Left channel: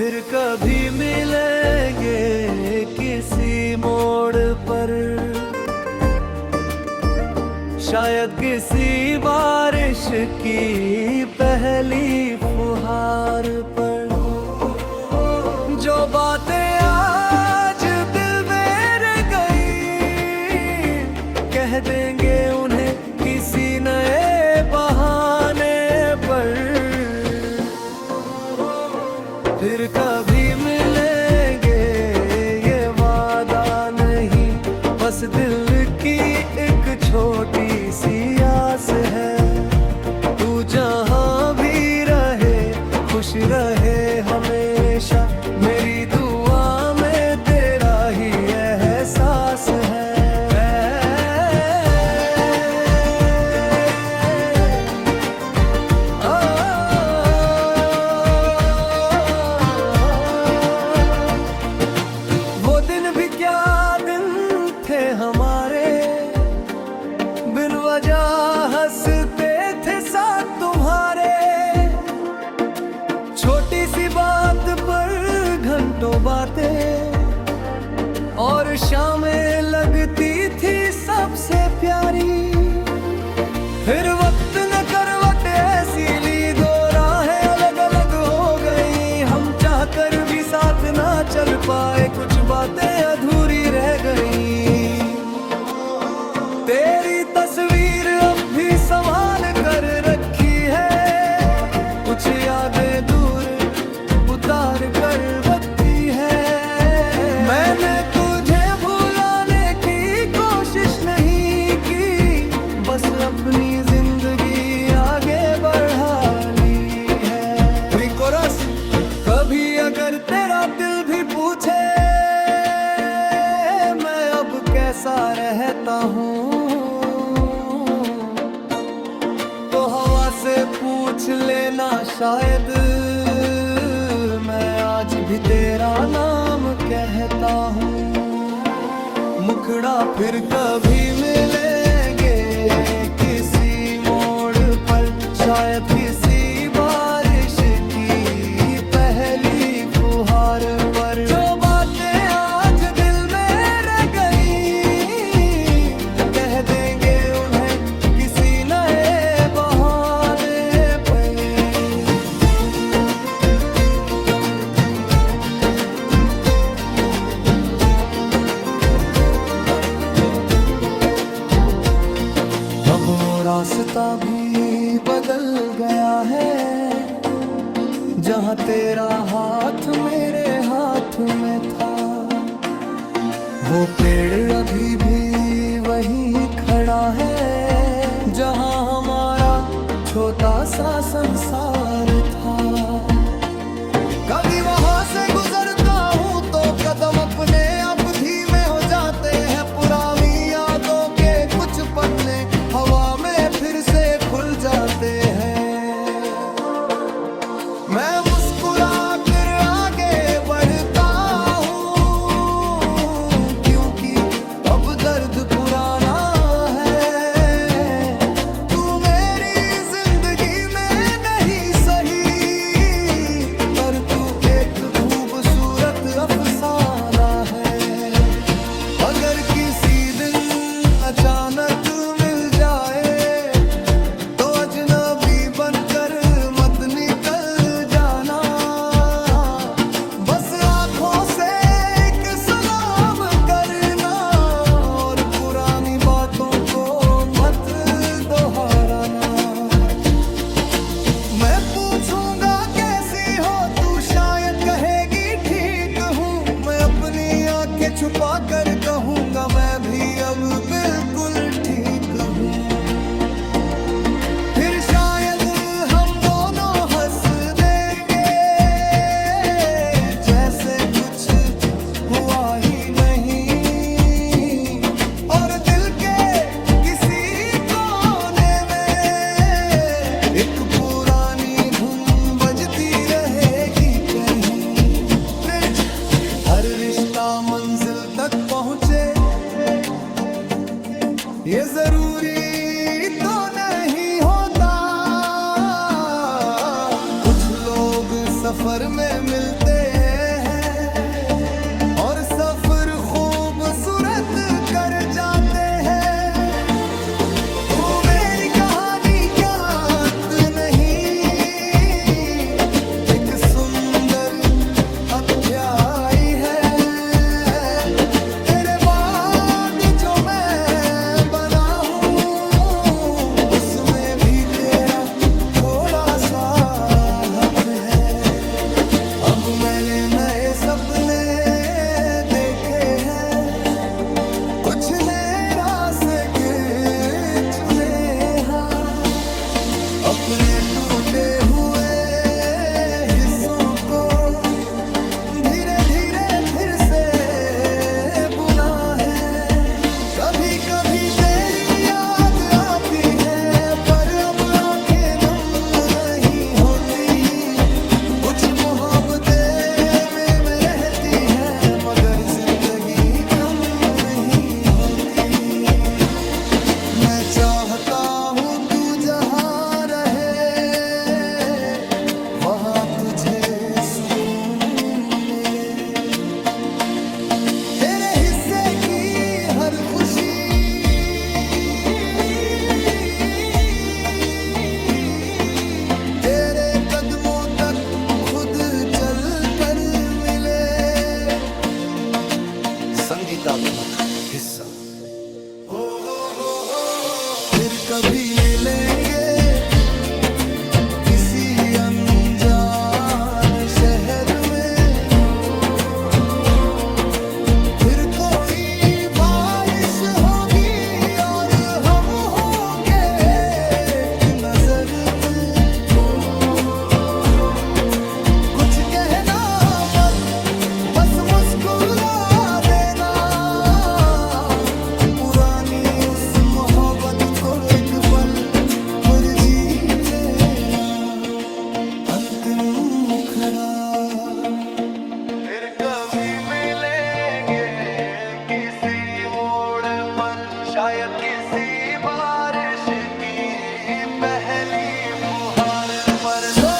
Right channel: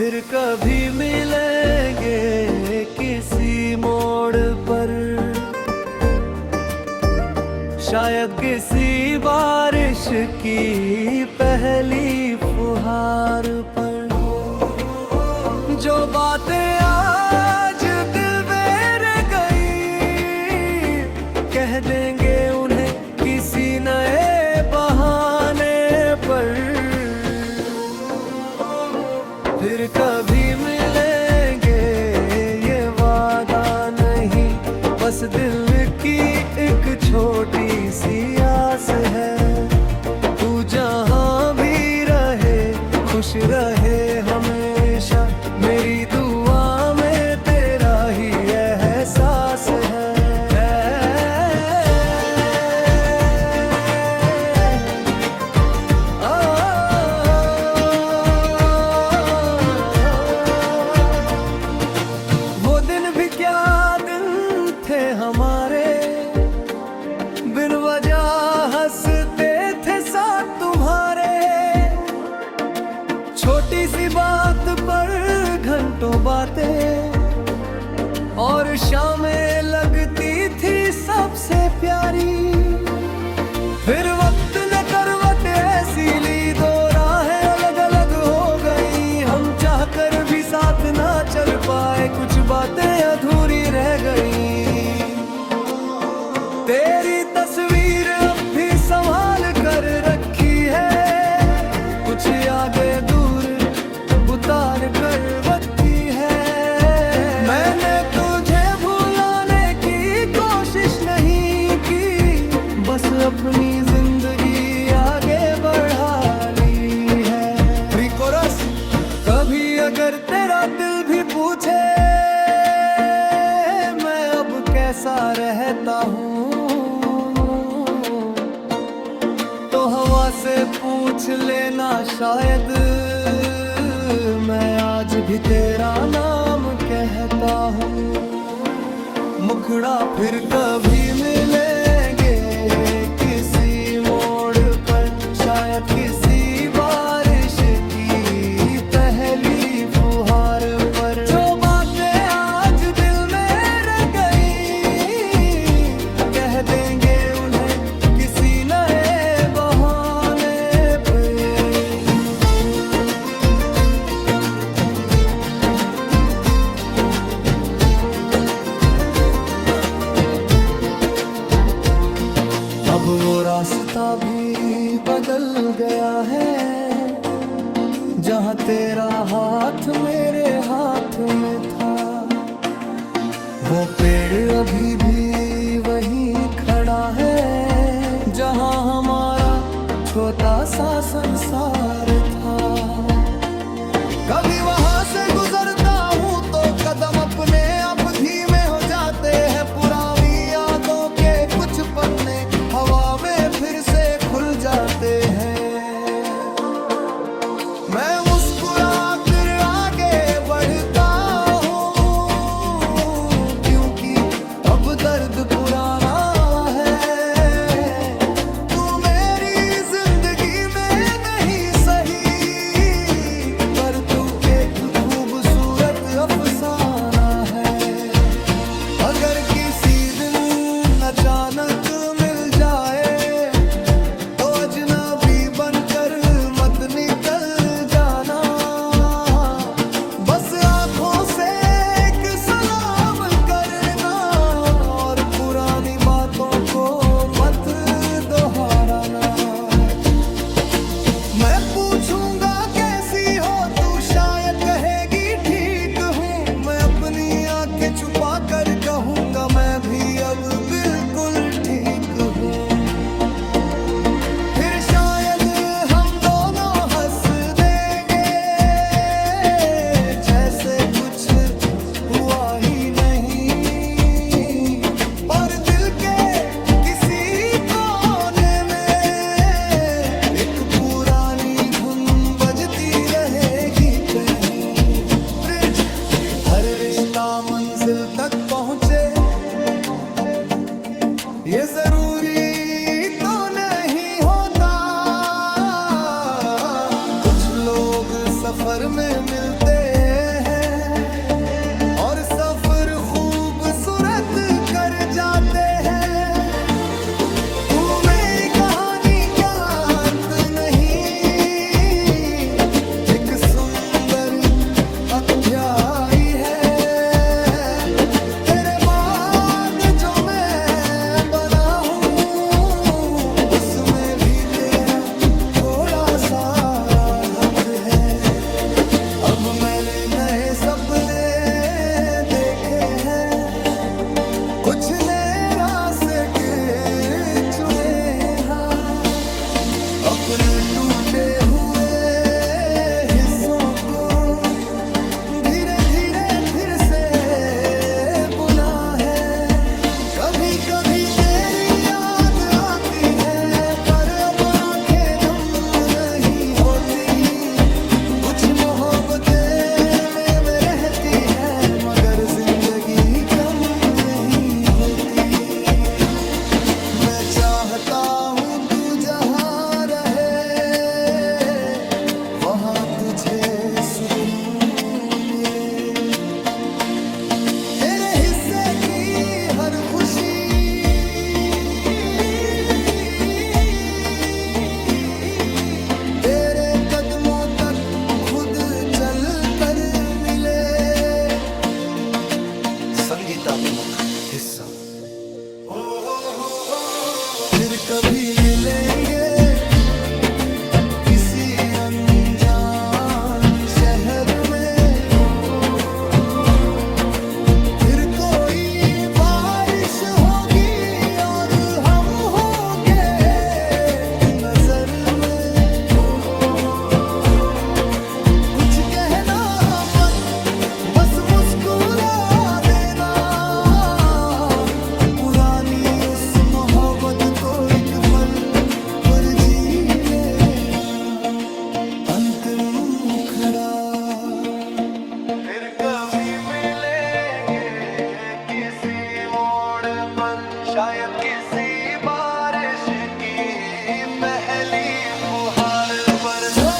फिर कभी मिलेंगे किसी मोड़ पर, शायद किसी बारिश की पहली फुहार पर। जो बातें आज दिल में रह गई, कह देंगे उन्हें किसी नए बहाने पर। फिर कभी मिलेंगे ये वादा नहीं, बस दिल की एक छोटी सी आस है। तू जहाँ भी रहे खुश रहे हमेशा, मेरी दुआ में तेरा ही एहसास है। वो दिन भी क्या दिन थे हमारे, बिन वजह हंसते थे साथ तुम्हारे। छोटी सी बात पर घंटों बातें, और शामें लगती थी सबसे प्यारी। फिर वक्त ने करवट ऐसी ली, दो राहें अलग अलग हो गई। हम चाहकर भी साथ ना चल पाए, कुछ बातें अधूरी रह गई। तेरी तस्वीर अब भी संभाल कर रखी है, कुछ यादें दूर उतार कर रखी है। मैंने तुझे भुलाने की कोशिश नहीं की, बस अपनी जिंदगी आगे बढ़ा ली है। रिकोरस, कभी अगर तेरा दिल भी पूछे मैं अब कैसा रहता हूँ, तो हवा से पूछ लेना, शायद मैं आज भी तेरा नाम कहता हूँ। मुखड़ा फिर कभी मिलेंगे किसी मोड़ पर, शायद किसी बारिश की पहली फुहार पर। जो बातें आज दिल में रह गई, कह देंगे उन्हें किसी नए बहाने पे। अब वो रास्ता भी बदल गया है, जहाँ तेरा हाथ मेरे हाथ में था। वो पेड़ अभी भी वहीं खड़ा है, जहाँ हमारा छोटा सा संसार था। कभी वहाँ से गुजरता हूँ तो कदम अपने आप धीमे हो जाते हैं। पुरानी यादों के कुछ पन्ने हवा में फिर से खुल जाते हैं। मैं मुस्कुरा कर आगे बढ़ता हूँ, क्योंकि अब दर्द पुराना है। तू मेरी जिंदगी में नहीं सही, पर तू एक खूबसूरत अफसाना है। अगर किसी दिन अचानक मिल जाए, तो अजनबी बनकर मत निकल जाना। बस आंखों से एक सलाम करना, और पुरानी बातों को मत दोहराना। मैं पूछूंगा कैसी हो तू, शायद कहेगी ठीक हूँ। मैं अपनी आंखें छुपा कर कहूँगा, मैं भी अब बिल्कुल ठीक हूँ। फिर शायद हम दोनों हंस देंगे, जैसे कुछ हुआ ही नहीं। और दिल के किसी कोने में एक पुरानी धुन बजती रहेगी कहीं। फ्रिज, हर रिश्ता मंजिल तक पहुँचे, ये जरूरी तो नहीं होता। कुछ लोग लोग सफर में मिलते हैं और सफर खूबसूरत कर जाते हैं। तू मेरी कहानी का अंत नहीं, एक सुंदर अध्याय है। तेरे बाद जो मैं बना हूँ उसमें भी तेरा थोड़ा सा हक है। अब मैंने नए सपने देखे हैं, कुछ नए रास्ते चुने हैं। अपने टूटे हुए हिस्सों को धीरे धीरे फिर से बुना है। कभी कभी तेरी याद आती है पर अब आंखें नम नहीं होती। कुछ मोहब्बतें में रहती है मगर जिंदगी कम नहीं होती। मैं चाहता हूँ तू जहाँ रहे वहाँ तुझे सुकून मिले। तेरे हिस्से की हर खुशी तेरे कदमों तक खुद चल कर मिले। संगीतात्मक हिस्सा। फिर कभी मिलेंगे किसी अनजान शहर में, फिर कोई बारिश होगी और हम होंगे एक नजर में। कुछ कहना मत, बस मुस्कुरा देना। पुरानी उस मोहब्बत को एक पल पर जी लेना। अंतिम मुखड़ा। फिर कभी मिलेंगे किसी मोड़ पर, शायद किसी बारिश की पहली फुहार पर। जो